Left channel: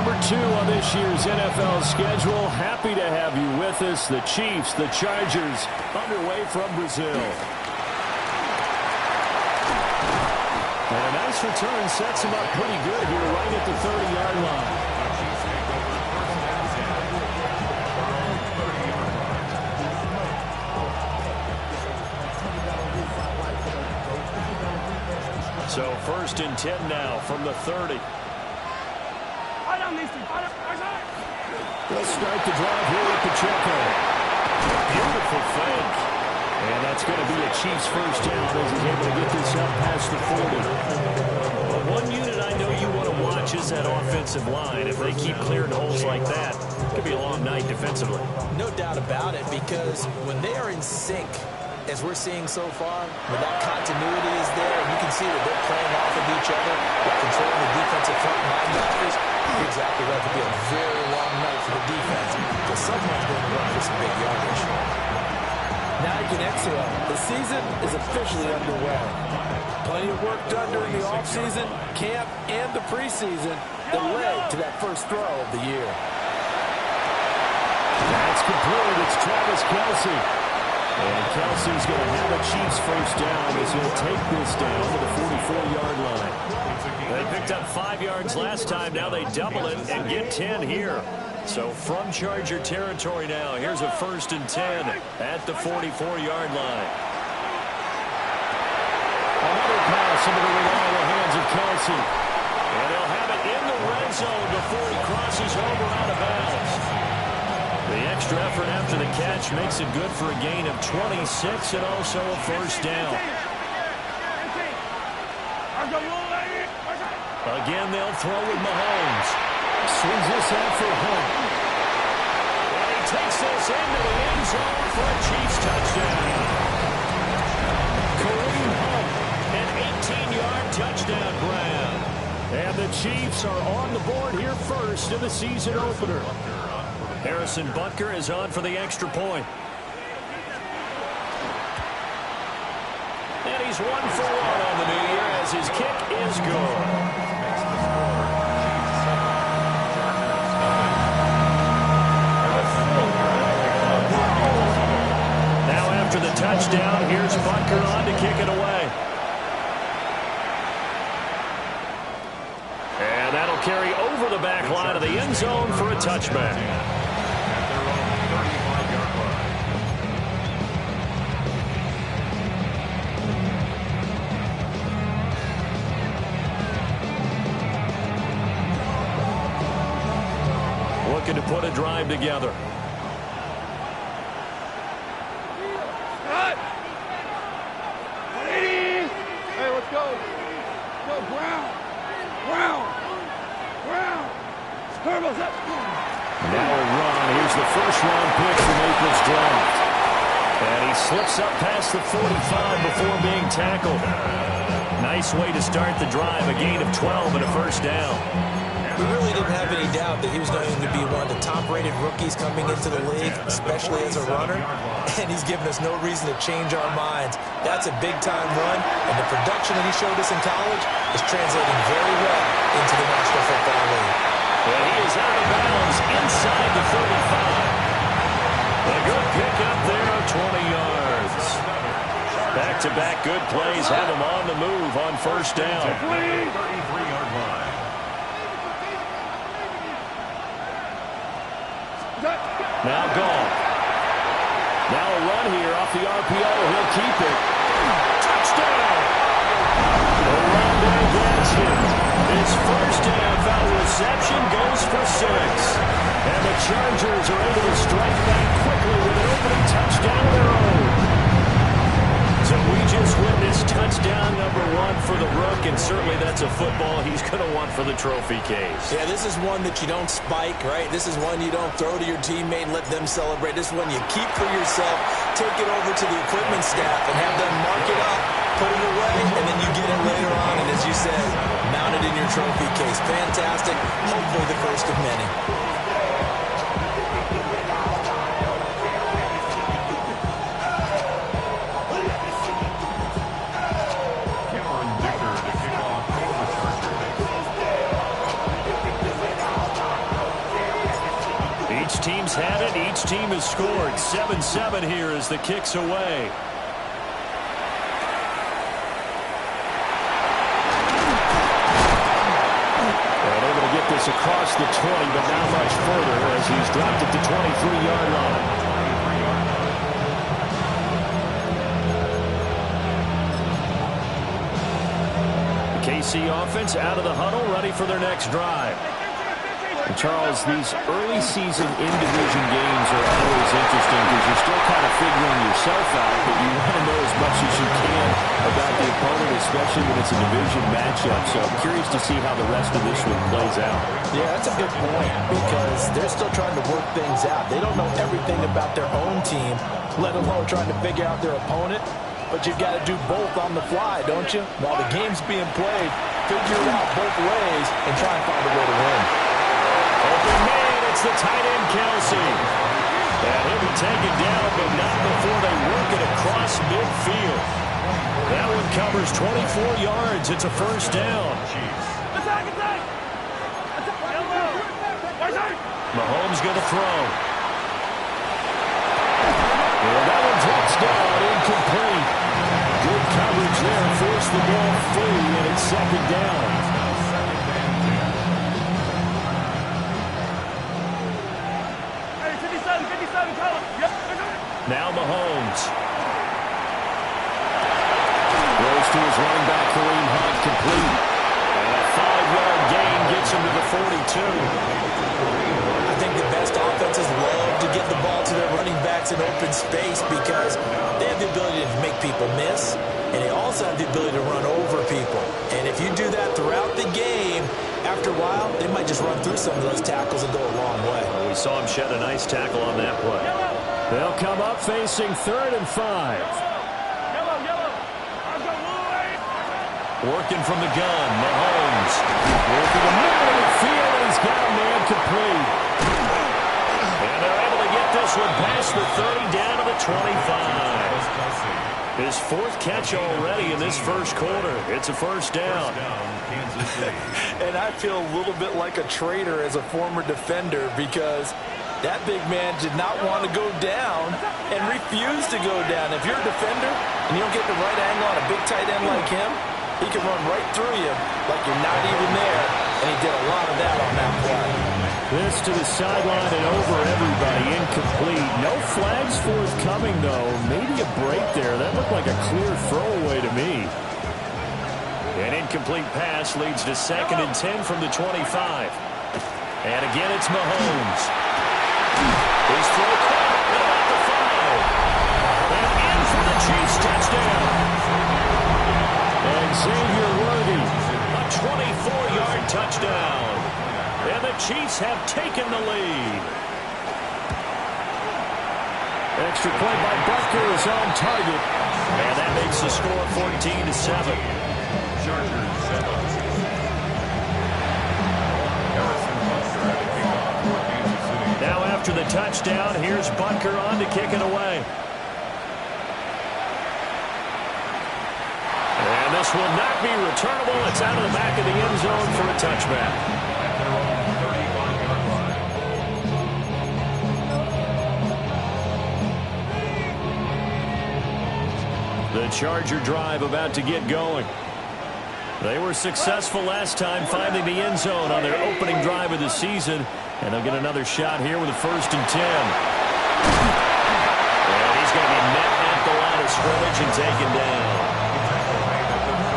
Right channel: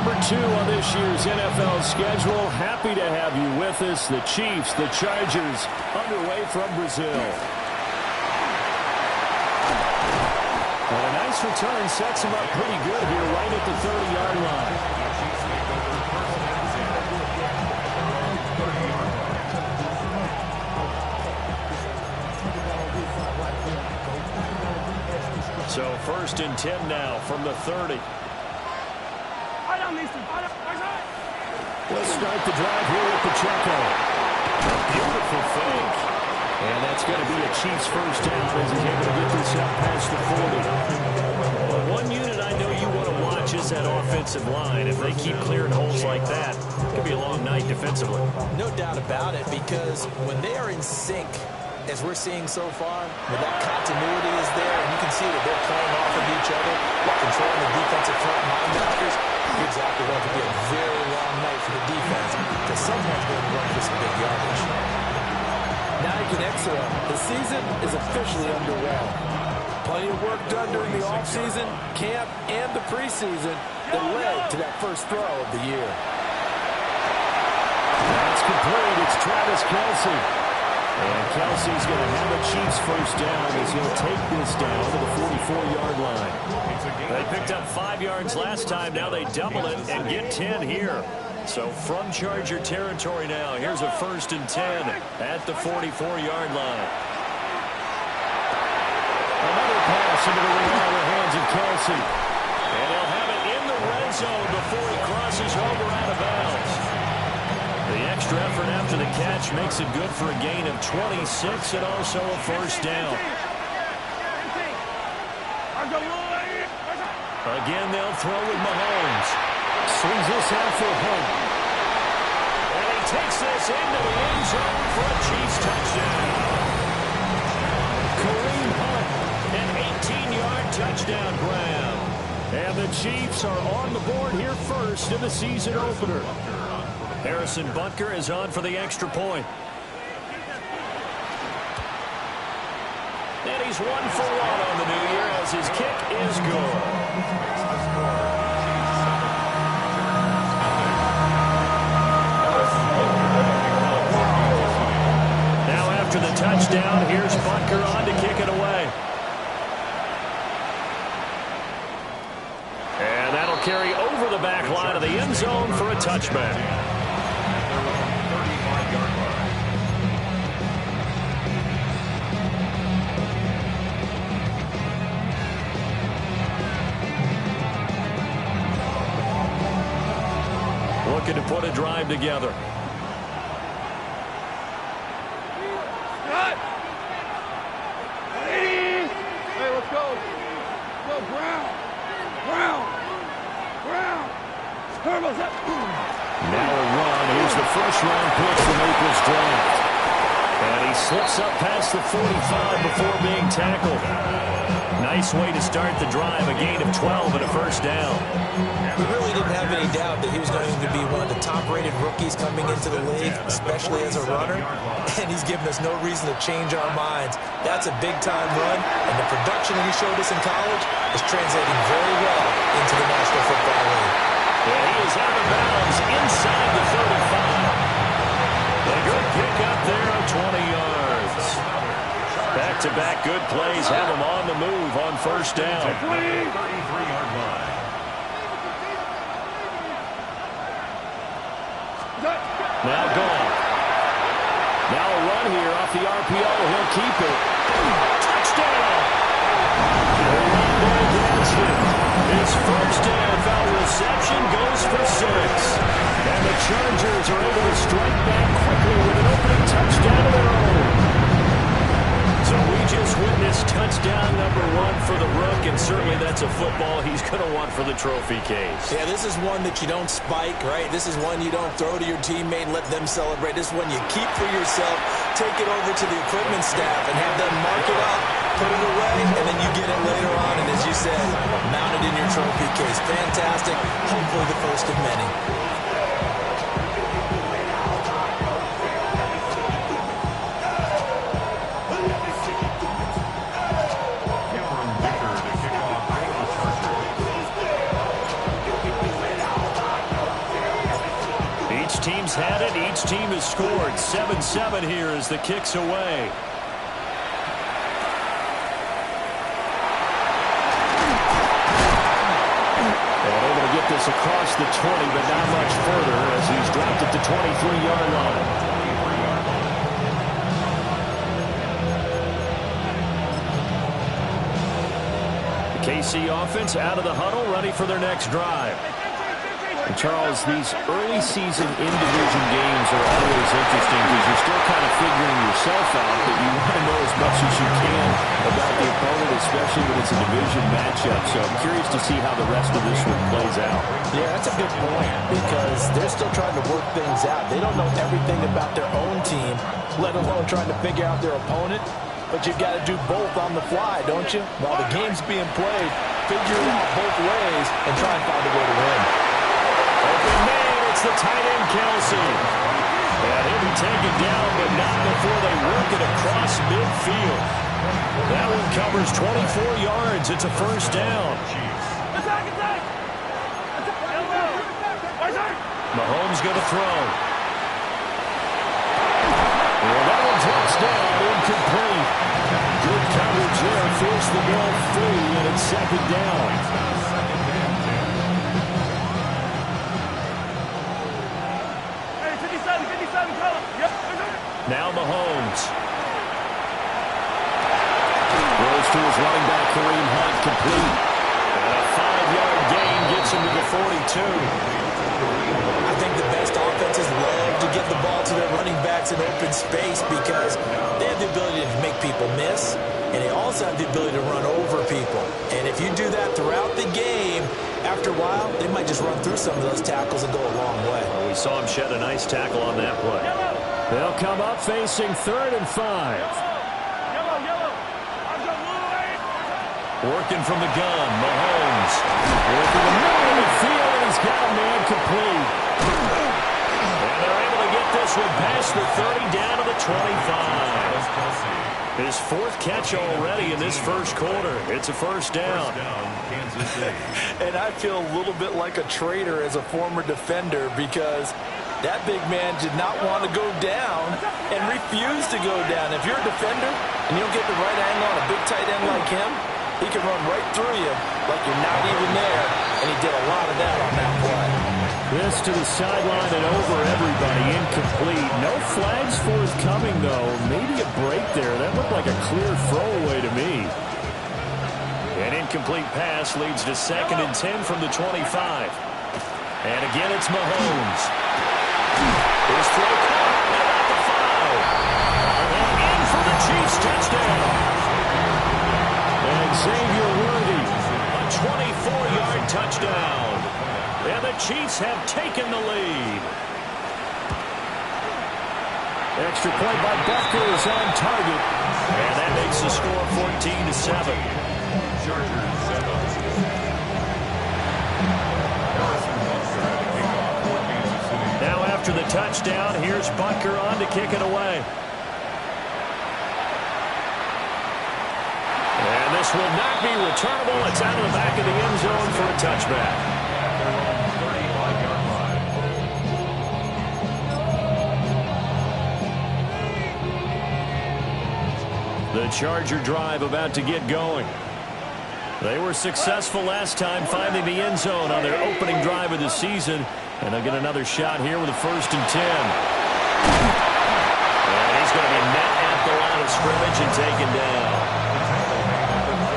number 2 on this year's NFL schedule. Happy to have you with us. The Chiefs, the Chargers, underway from Brazil. And a nice return sets him up pretty good here right at the 30-yard line. So 1st and 10 now from the 30. Let's start the drive here with Pacheco. A beautiful fake. And that's going to be a Chiefs first down as he's able to get this up past the 40. Well, one unit I know you want to watch is that offensive line. If they keep clearing holes like that, it could be a long night defensively. No doubt about it, because when they are in sync, as we're seeing so far, when that continuity is there, and you can see that they're playing off of each other while controlling the defensive front linebackers, you're exactly right. It could be a very long night for the defense because someone's going to run for some big yardage. Now you can exhale. The season is officially underway. Plenty of work done during the offseason, camp, and the preseason that led to that first throw of the year. That's complete. It's Travis Kelce. And Kelsey's going to have a Chiefs first down as he'll take this down to the 44-yard line. They picked up 5 yards last time. Now they double it and get 10 here. So from Charger territory now, here's a 1st and 10 at the 44-yard line. Another pass into the reliable hands of Kelce. And he'll have it in the red zone before he crosses over out of bounds. The extra effort after the catch makes it good for a gain of 26 and also a first down. Again, they'll throw with Mahomes. Swings this out for Hunt. And he takes this into the end zone for a Chiefs touchdown. Kareem Hunt, an 18-yard touchdown grab. And the Chiefs are on the board here first in the season opener. Harrison Butker is on for the extra point. And he's 1 for 1 on the new year as his kick is good. Now after the touchdown, here's Butker on to kick it away. And that'll carry over the back line of the end zone for a touchback. Looking to put a drive together. Hey, let's go. Go, Brown. Turbo's up. Now a run. Here's the first-round pick from April's draft. And he slips up past the 45 before being tackled. Nice way to start the drive. A gain of 12 and a first down. We really didn't have any doubt that he was going to be one of the top-rated rookies coming into the league, especially as a runner. And he's given us no reason to change our minds. That's a big-time run, and the production that he showed us in college is translating very well into the National Football League. And he is out of bounds inside the 35. A good pick up there of 20 yards. Back-to-back good plays have him on the move on first down. 33-yard line. Now gone. Now a run here off the RPO. He'll keep it. Touchdown! Rondé Gadsden. His first NFL reception goes for 6. And the Chargers are able to strike back quickly with an opening touchdown of their own. So we just witnessed touchdown number 1 for the Rook, and certainly that's a football he's going to want for the trophy case. Yeah, this is one that you don't spike, right? This is one you don't throw to your teammate and let them celebrate. This is one you keep for yourself, take it over to the equipment staff and have them mark it up, put it away, and then you get it later on, and as you said, mount it in your trophy case. Fantastic. Hopefully the first of many. teams had it. Each team has scored. 7-7 here as the kick's away. And able to get this across the 20, but not much further as he's dropped at the 23-yard line. KC offense out of the huddle, ready for their next drive. And Charles, these early season in-division games are always interesting because you're still kind of figuring yourself out, but you want to know as much as you can about the opponent, especially when it's a division matchup. So I'm curious to see how the rest of this one plays out. Yeah, that's a good point because they're still trying to work things out. They don't know everything about their own team, let alone trying to figure out their opponent. But you've got to do both on the fly, don't you? While the game's being played, figure it out both ways and try and find a way to win. Open man, it's the tight end, Kelsey. And he'll be taken down, but not before they work it across midfield. That one covers 24 yards. It's a first down. Mahomes going to throw. Well, that one drops down, incomplete. Good coverage there, forced the ball free, and it's second down. Hey, 57, column. Yep. Now Mahomes. Throws to his running back, Kareem Hunt, complete. And a 5-yard gain gets him to the 42. I think the best offenses love to get the ball to their running backs in open space because they have the ability to make people miss, and they also have the ability to run over people. And if you do that throughout the game, after a while, they might just run through some of those tackles and go a long way. Well, we saw him shed a nice tackle on that play. They'll come up facing 3rd and 5. Working from the gun, Mahomes. Working the middle of the field, and he's got a man complete. And they're able to get this one past the 30 down to the 25. His 4th catch already in this first quarter. It's a first down. And I feel a little bit like a traitor as a former defender because that big man did not want to go down and refused to go down. If you're a defender and you don't get the right angle on a big tight end like him, he can run right through you like you're not even there, and he did a lot of that on that play. This to the sideline and over everybody, incomplete. No flags forthcoming, though. Maybe a break there. That looked like a clear throwaway to me. An incomplete pass leads to 2nd and 10 from the 25. And again, it's Mahomes. His throw caught at about the 5. And in for the Chiefs touchdown. And Xavier Worthy, a 24-yard touchdown. And the Chiefs have taken the lead. Extra point by Butker is on target. And that makes the score 14-7. Chargers 7. Harrison Butker at the kickoff for Kansas City. Now after the touchdown, here's Butker on to kick it away. And this will not be returnable. It's out of the back of the end zone for a touchback. At their own 35-yard line. The Charger drive about to get going. They were successful last time finding the end zone on their opening drive of the season. And they'll get another shot here with a 1st and 10. And he's going to be met at the line of scrimmage and taken down.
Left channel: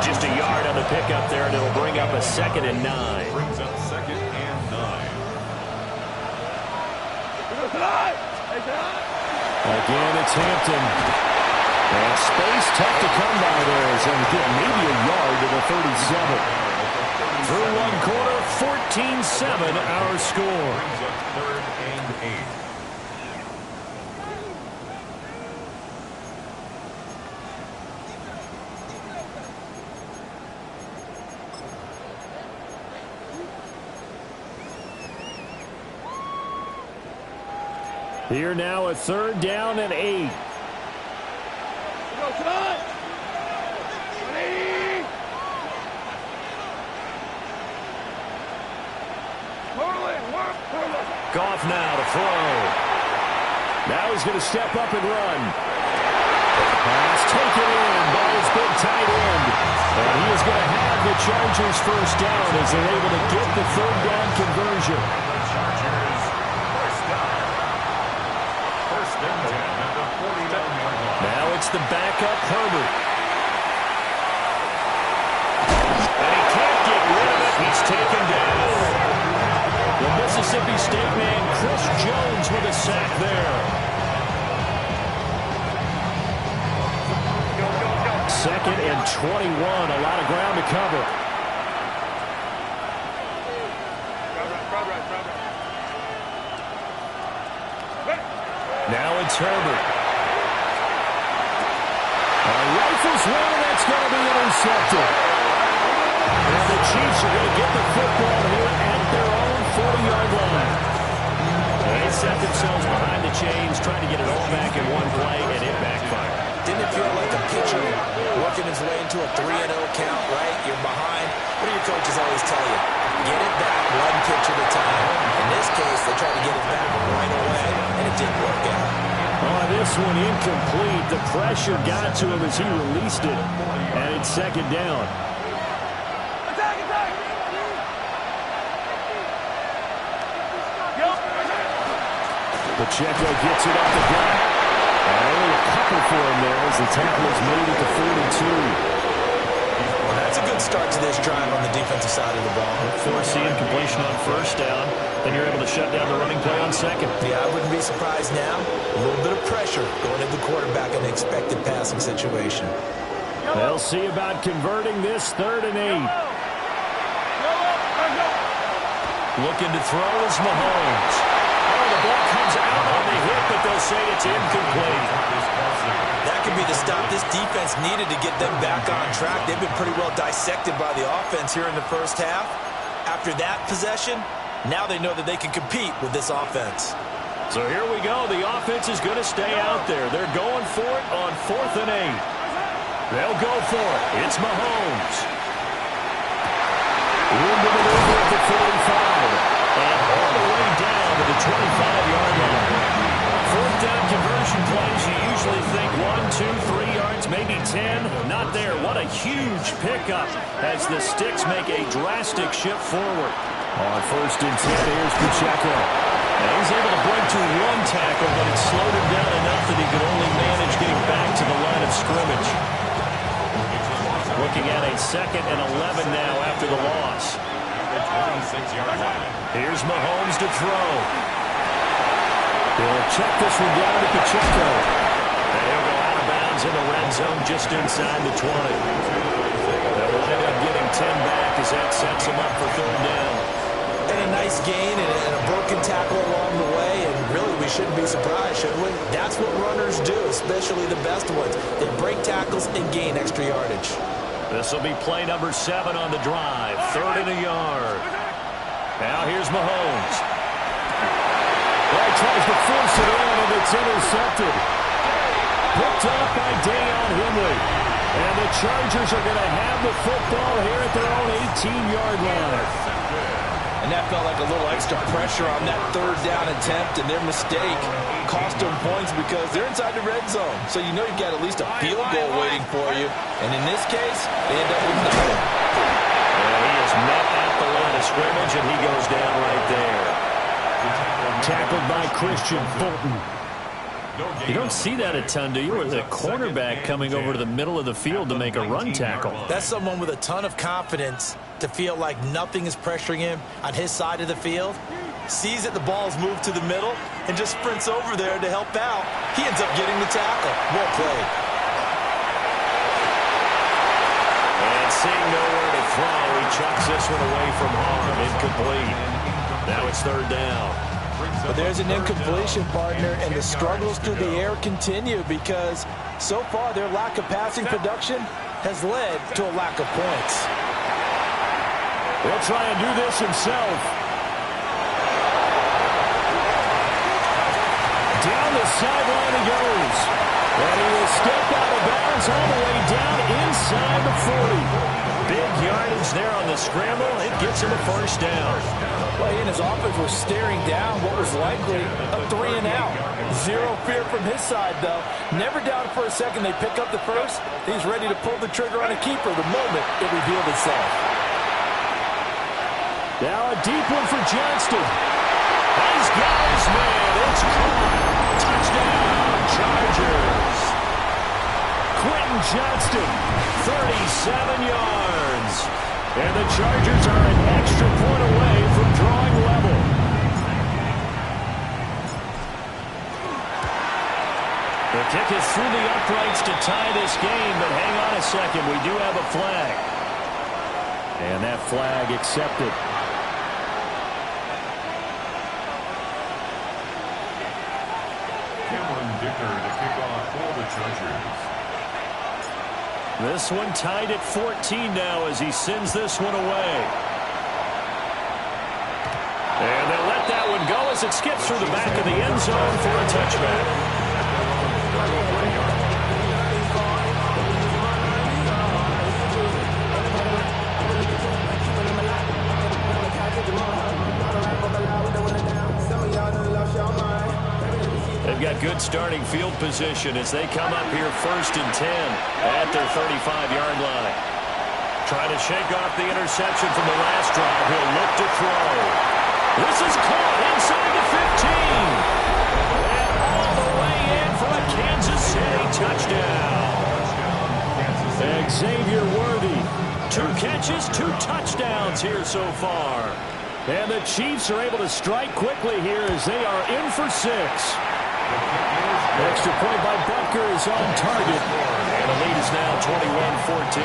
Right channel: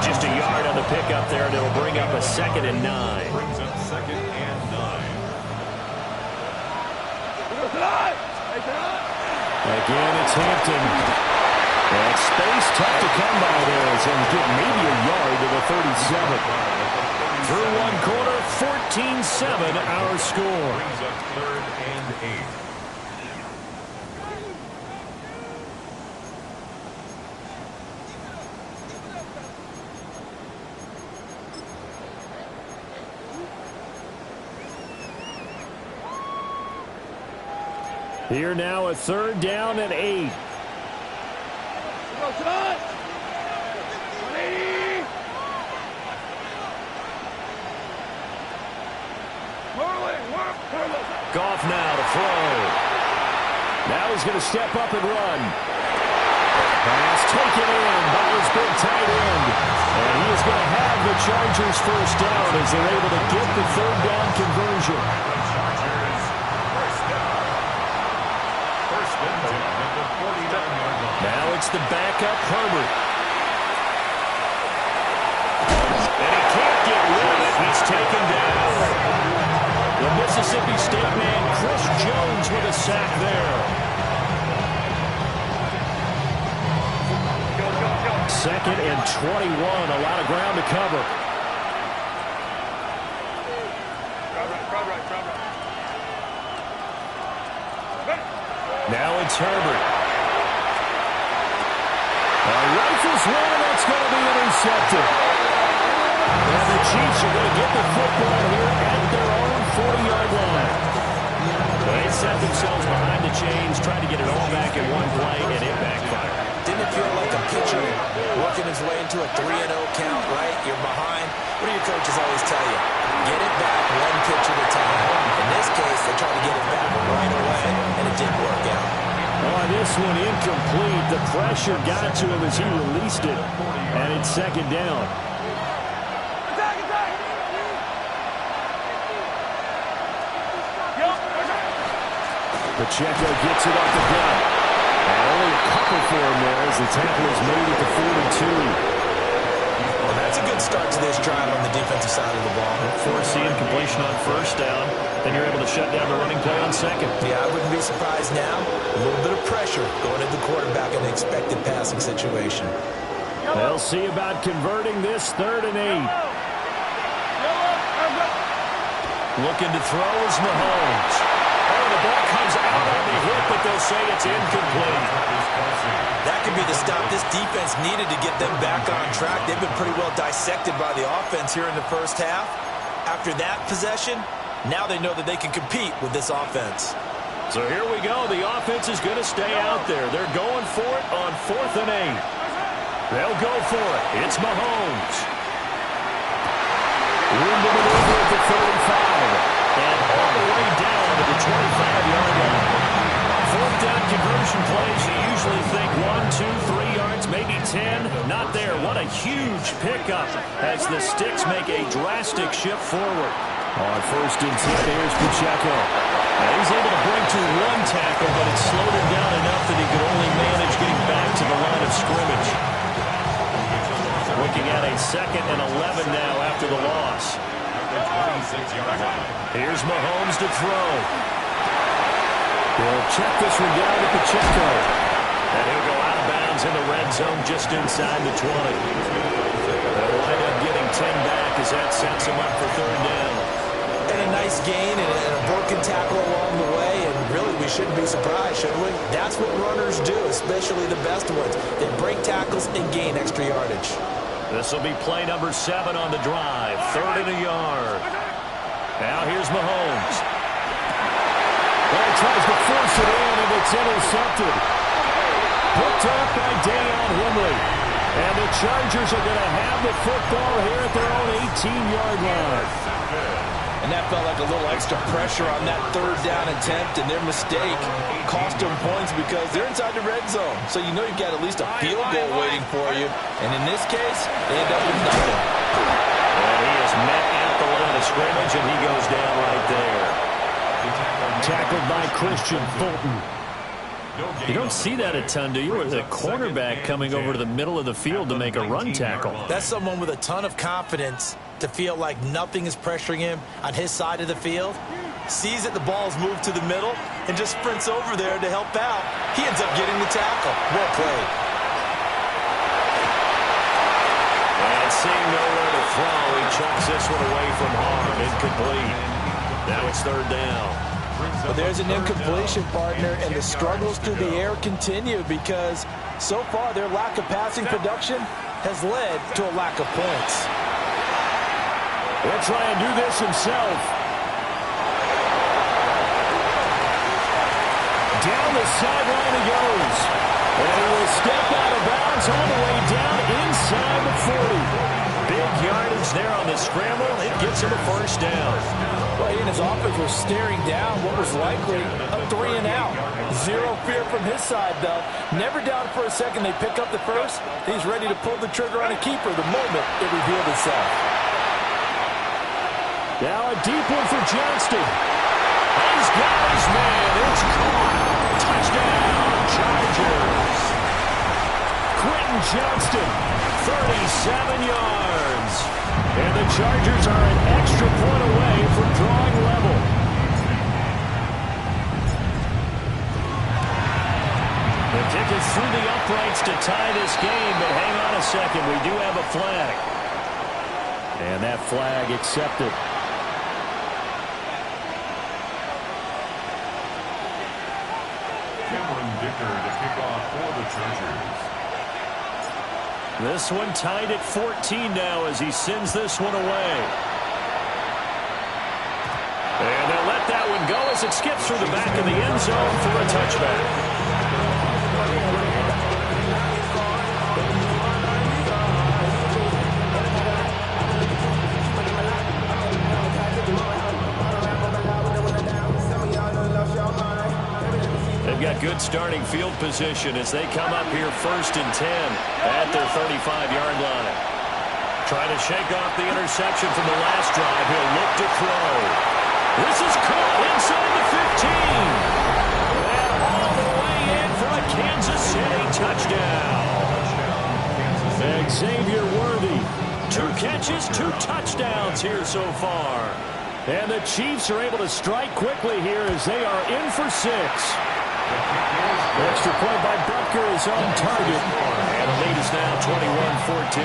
Just a yard on the pickup there, and it'll bring up a 2nd and 9. Brings up 2nd and 9. Again, it's Hampton. And space tough to come by there as they get maybe a yard to the 37. Through one quarter, 14-7 our score. Brings up 3rd and 8. Here now a 3rd down and 8. Go, tonight. 180. Whirling, whirl. Goff now to throw. Now he's going to step up and run. Pass taken in by his big tight end. And he is going to have the Chargers first down as they're able to get the third down conversion. The Chargers first down. First and 10 at the 49-yard line. Now it's the backup Herbert. And he can't get rid of it. He's taken down. The Mississippi State man, Chris Jones, with a sack there. Second and 21, a lot of ground to cover. Now it's Herbert. Rifles one, and that's going to be intercepted. And the Chiefs are going to get the football here at their own 40-yard line. They set themselves behind the chains, tried to get it all back in one play, and it backfired. Didn't it feel like a pitcher working his way into a 3-0 count, right? You're behind. What do your coaches always tell you? Get it back one pitch at a time. In this case, they tried to get it back right away, and it didn't work out. Oh, this one incomplete. The pressure got to him as he released it, and it's second down. Pacheco gets it up the gut. And only a couple for him there as the tackle is made at the 42. Well, that's a good start to this drive on the defensive side of the ball. Forcing completion on first down. Then you're able to shut down the running play on second. Yeah, I wouldn't be surprised now. A little bit of pressure going into the quarterback in the expected passing situation. They'll see about converting this 3rd and 8. Looking to throw is Mahomes. Oh, the ball comes out on the hit, but they'll say it's incomplete. That could be the stop this defense needed to get them back on track. They've been pretty well dissected by the offense here in the first half. After that possession, now they know that they can compete with this offense. So here we go. The offense is going to stay out there. They're going for it on 4th and 8. They'll go for it. It's Mahomes. Room to maneuver at the 35. And all the way down to the 25-yard line. 4th down conversion plays, you usually think 1, 2, 3 yards, maybe 10. Not there. What a huge pickup as the Sticks make a drastic shift forward. On 1st and 10, here's Pacheco. Now he's able to break to one tackle, but it slowed him down enough that he could only manage getting back to the line of scrimmage. Looking at a 2nd and 11 now after the loss. Here's Mahomes to throw. He'll check this one down to Pacheco. And he'll go out of bounds in the red zone just inside the 20. They'll wind up getting 10 back as that sets him up for 3rd down. And a nice gain and a broken tackle along the way, and really we shouldn't be surprised, should we? That's what runners do, especially the best ones. They break tackles and gain extra yardage. This will be play number 7 on the drive. 3rd and a yard. Now here's Mahomes. Well, tries to force it in, and it's intercepted. Picked up by Deion Henley. And the Chargers are going to have the football here at their own 18-yard line. And that felt like a little extra pressure on that 3rd down attempt, and their mistake cost them points because they're inside the red zone. So you know you've got at least a field goal waiting for you. And in this case, they end up with nothing. Well, he is met at the line of scrimmage, and he goes down right there. Tackled by Christian Fulton. You don't see that a ton, do you? With a cornerback coming over to the middle of the field to make a run tackle. That's someone with a ton of confidence to feel like nothing is pressuring him on his side of the field. Sees that the ball's moved to the middle and just sprints over there to help out. He ends up getting the tackle. Well played. And seeing nowhere to throw, he chucks this one away from harm. Incomplete. Now it's 3rd down. But there's an incompletion, partner, and the struggles through the air continue because so far their lack of passing production has led to a lack of points. He'll try and do this himself. Down the sideline he goes. And he will step out of bounds all the way down inside the 40. Big yardage there on the scramble. It gets him a first down. Well, he and his offense were staring down what was likely a 3 and out. Zero fear from his side, though. Never doubted for a second they pick up the first. He's ready to pull the trigger on a keeper the moment it revealed itself. Now a deep one for Johnston. He's got his man. It's caught. Touchdown, Chargers. Quentin Johnston, 37 yards. And the Chargers are an extra point away from drawing level. The kick is through the uprights to tie this game, but hang on a second. We do have a flag. And that flag accepted. Cameron Dicker to kick off for the Chargers. This one tied at 14 now as he sends this one away. And they'll let that one go as it skips through the back of the end zone for a touchback. They've got good starting field position as they come up here 1st and 10 at their 35-yard line. Trying to shake off the interception from the last drive. He'll look to throw. This is caught inside the 15. And all the way in for a Kansas City touchdown. Xavier Worthy. 2 catches, 2 touchdowns here so far. And the Chiefs are able to strike quickly here as they are in for 6. Extra point by Butker is on target. And the lead is now 21-14.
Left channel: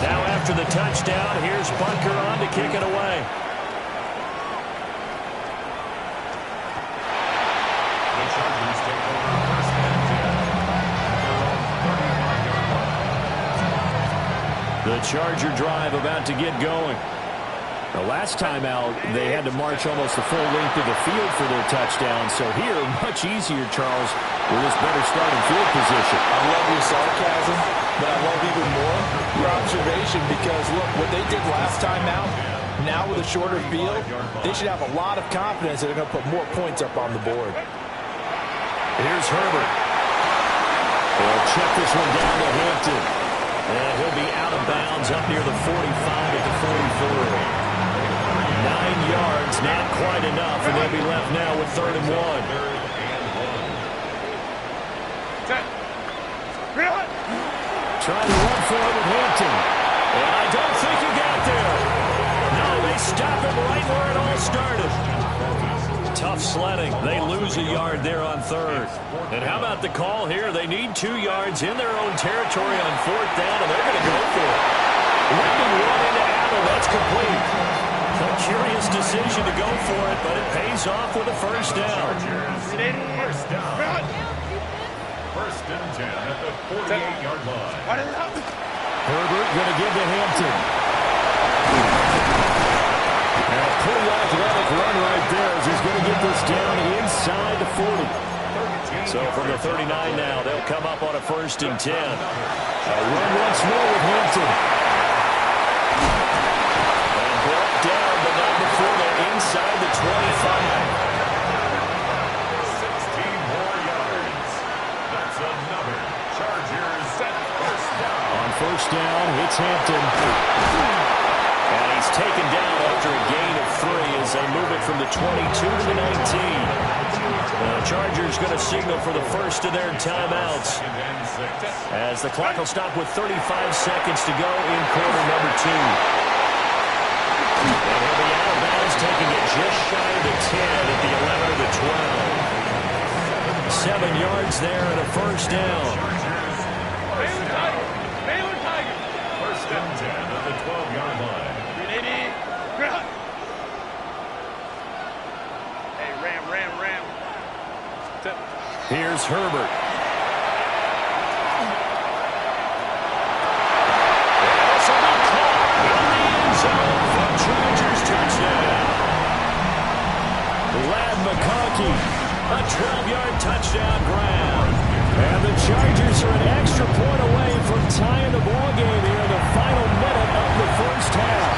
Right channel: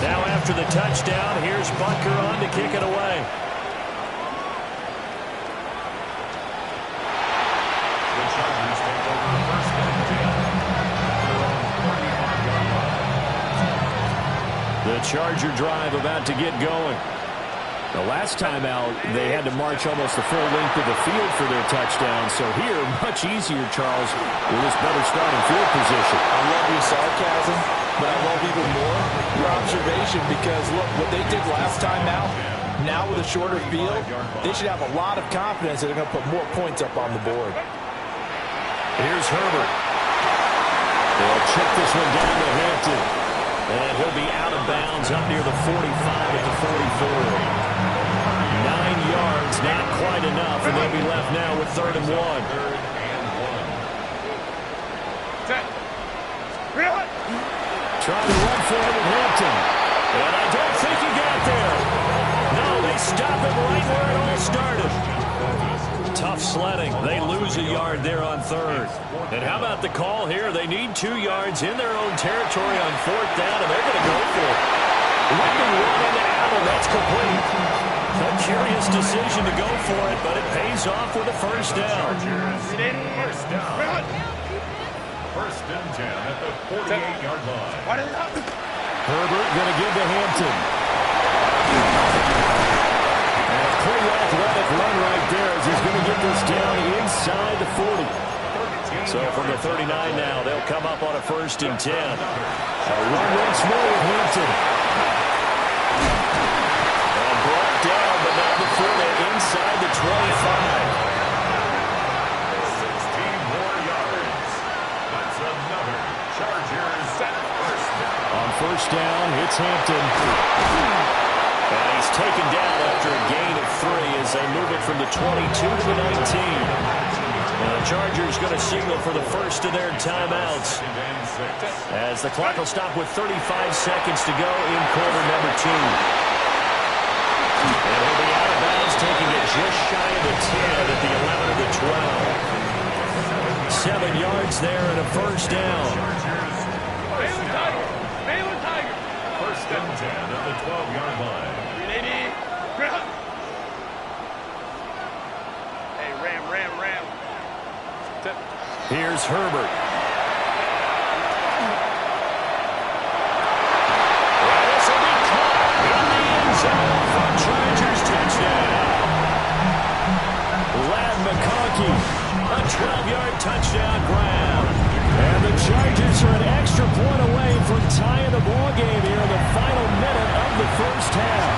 Now after the touchdown, here's Butker on to kick it away. The Chargers take over 1st and 10 at their own 35-yard line. The Charger drive about to get going. The last time out, they had to march almost the full length of the field for their touchdown. So here, much easier, Charles, with this better starting field position. I love your sarcasm, but I love even more your observation because, look, what they did last time out, now with a shorter field, they should have a lot of confidence that they're going to put more points up on the board. Here's Herbert. They'll check this one down to Hampton. And he'll be out of bounds up near the 45 at the 44. 9 yards, not quite enough, and they'll be left now with 3rd and 1. Trying to run for it with Hampton. And I don't think he got there. No, they stop him right where it all started. Tough sledding. They lose a yard there on 3rd. And how about the call here? They need 2 yards in their own territory on 4th down, and they're going to go for it. Whipping one into Allen. That's complete. A curious decision to go for it, but it pays off with a first down. First down. 1st and 10 at the 48-yard line. Herbert going to give to Hampton. And a pretty athletic run right there as he's going to get this down inside the 40. So from the 39 now, they'll come up on a 1st and 10. A run once more with Hampton. And brought down, but not before they're inside the 25. 16 more yards. That's another Chargers set 1st down. On 1st down, hits Hampton. And he's taken down after a gain of 3 as they move it from the 22 to the 19. And the Chargers going to signal for the first of their timeouts as the clock will stop with 35 seconds to go in quarter number 2. And he'll be out of bounds, taking it just shy of the 10 at the 11 of the 12. 7 yards there and a 1st down. Baylor Tiger. 1st and 10 at the 12-yard line. Hey, Ram. Here's Herbert. And this will be caught in the end zone for Chargers touchdown. Ladd McConkey. A 12-yard touchdown grab. And the Chargers are an extra point away from tying the ball game here in the final minute of the first half.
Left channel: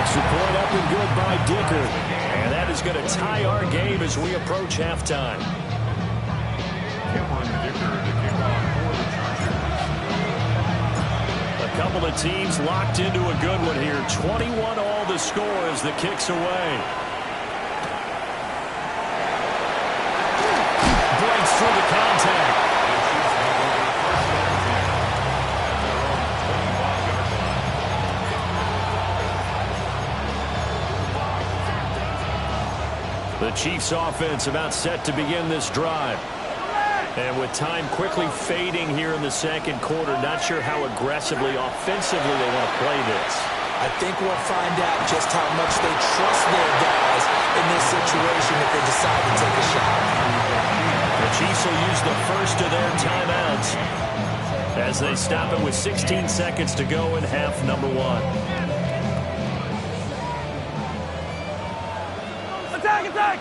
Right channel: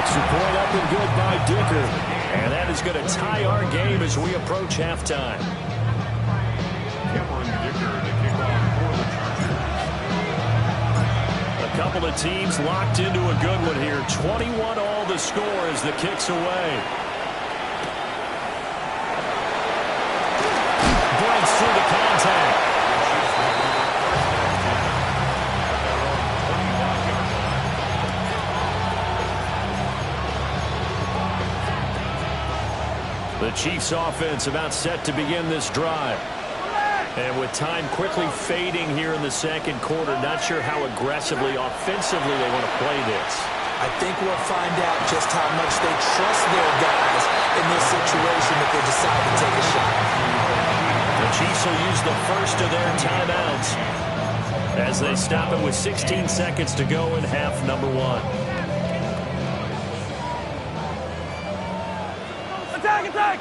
Extra point up and good by Dicker. And that is going to tie our game as we approach halftime. Cameron Dicker to kick off for the Chargers. A couple of teams locked into a good one here. 21 all the score as the kick's away. Breaks through the contact. The Chiefs have over first and 10 at their own 25-yard line. The Chiefs offense about set to begin this drive. And with time quickly fading here in the second quarter, not sure how aggressively, offensively they want to play this. I think we'll find out just how much they trust their guys in this situation if they decide to take a shot. The Chiefs will use the first of their timeouts as they stop it with 16 seconds to go in half number one. Attack, attack!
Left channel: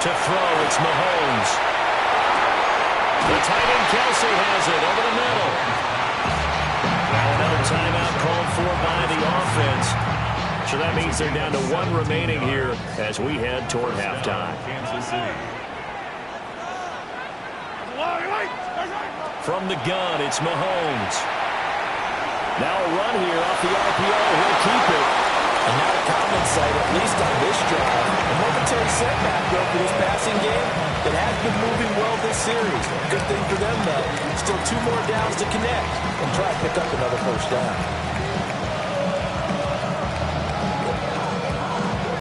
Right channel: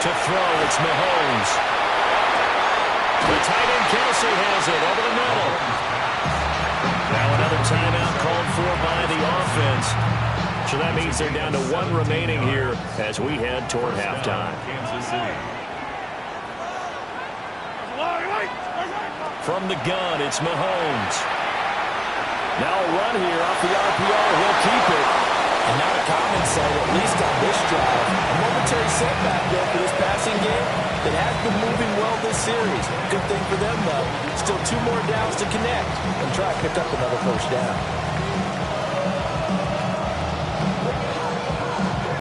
To throw, it's Mahomes. The tight end Kelsey has it over the middle. Now another timeout called for by the offense. So that means they're down to one remaining here as we head toward halftime. Kansas City. From the gun, it's Mahomes. Now a run here off the RPO. He'll keep it. And not a common sight, at least on this drive. A momentary setback, though, for this passing game that has been moving well this series. Good thing for them, though. Still 2 more downs to connect and try to pick up another first down.